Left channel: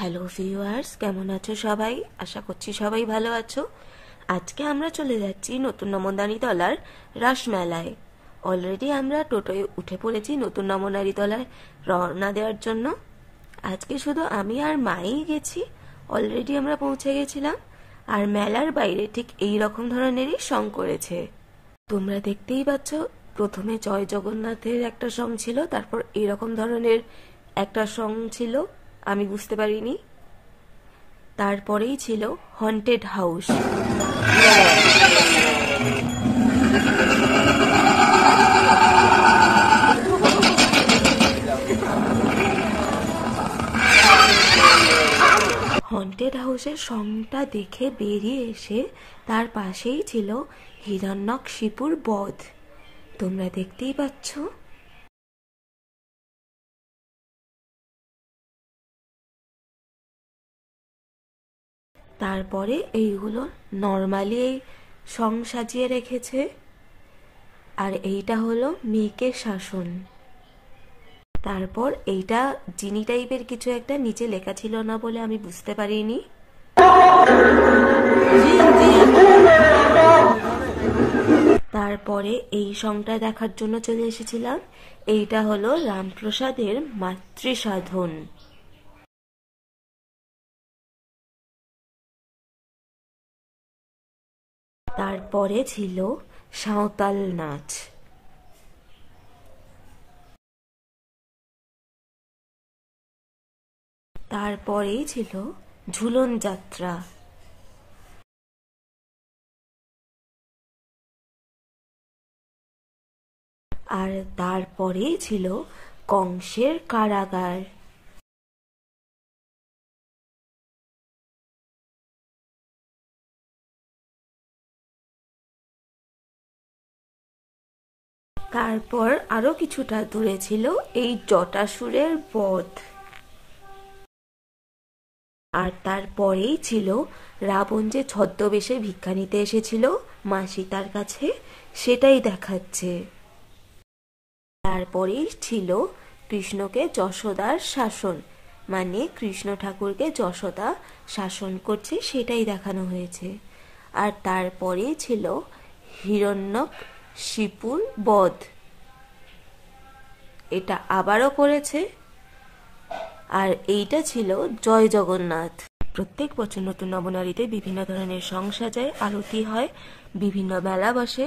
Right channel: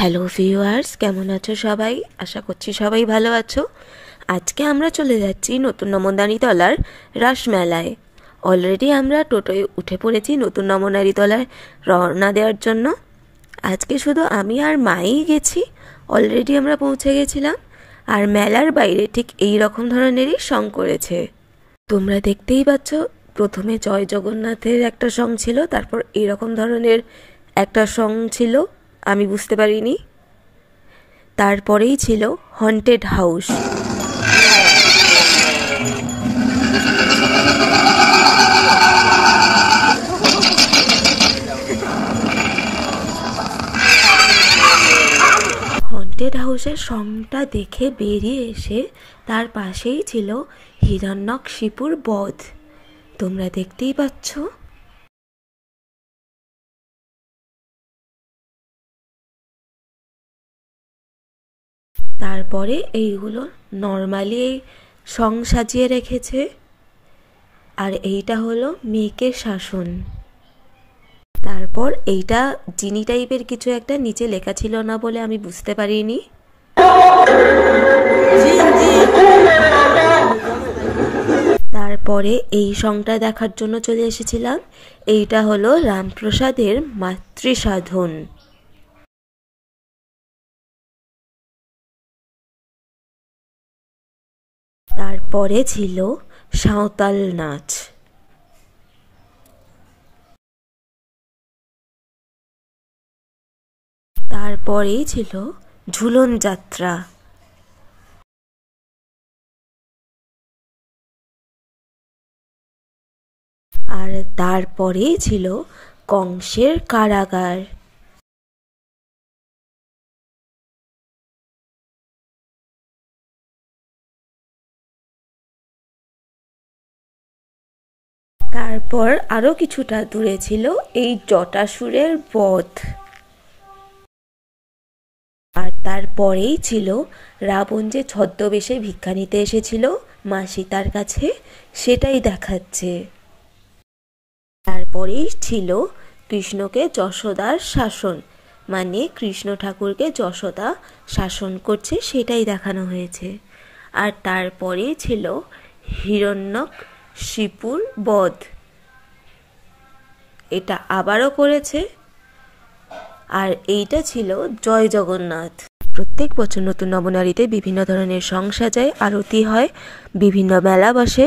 Hello viewers, কেমন আছো সবাই? আশা করছি সবাই ভালো আছো। আজকে আমরা চলে যাচ্ছি নতুন নমদানিতলার রাসমেলায়। অলরেডি আমরা টোটোয় উঠে পড়েছি নতুন নমদানিতলায় রওনা দেওয়ার জন্য। আজকে শুধু আমি আর মাই গেছি, অলরেডি আমরা পৌঁছে গেছিলাম। আর মেলার বাইরে ঠিক এই রকম ধরনেরই সং করেছে। তোমরা দেখতেই পাচ্ছ, প্রথমে জয় জগন্নাথের একটা সং ছিল, তারপর এইরকম ধরনের একটা সং ছিল, আমি বুঝতে পারিনি। তারপরেই ছিল হন্টেড হাউস। হন্টেড হাউসের সংটা দেখে বেরিয়ে এসে তার পাশেই ছিল হিরণ্যকশিপুর বধ। তোমরা দেখতেই পাচ্ছ। তারপরে এইগুলো নর্মালি সং সাজিয়ে রেখেছে। আর এইটা হলো মেয়েকে শাসন। তারপর এইটা জিনি টাইপের কিছু একটা নিচে লেখা ছিল না বলে আমি বুঝতে পারিনি। তারপরে এই সংটা দেখার জন্য চলে এসেছিলাম। এইটা হলো রামপ্রসাদের মাতৃসাধন। তারপরে ছিল সাঁওতাল নাচ। তারপরেই ছিল ঝুলন যাত্রা। আর তারপরেই ছিল কংসের কারাগার। তারপর আরো কিছুটা দূরে ছিল এই জটাসুরের বধ। আর তারপরেই ছিল রাবণ যে ছদ্মবেশে ভিক্ষা নিতে এসেছিল মা সীতার কাছে, সেটাই দেখাচ্ছে। তারপরেই ছিল কৃষ্ণকে যশোদার শাসন, মানে কৃষ্ণ ঠাকুরকে যশোদা শাসন করছে, সেটাই দেখানো হয়েছে। আর তারপরেই ছিল হিরণ্যকশিপুর বধ, এটা আবারও করেছে। আর এইটা ছিল জয় জগন্নাথ। প্রত্যেক বছর নতুন নবনারীতে বিভিন্ন ধরনের সং সাজায়, আরতি হয়, বিভিন্ন মেলা বসে।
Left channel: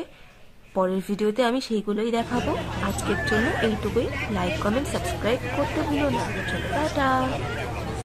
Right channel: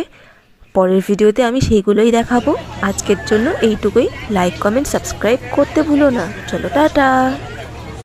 পরের ভিডিওতে আমি সেইগুলোই দেখাবো। আজকের জন্য এইটুকুই। লাইক, কমেন্ট, সাবস্ক্রাইব করতে ভুলো না। চলো, টাটা।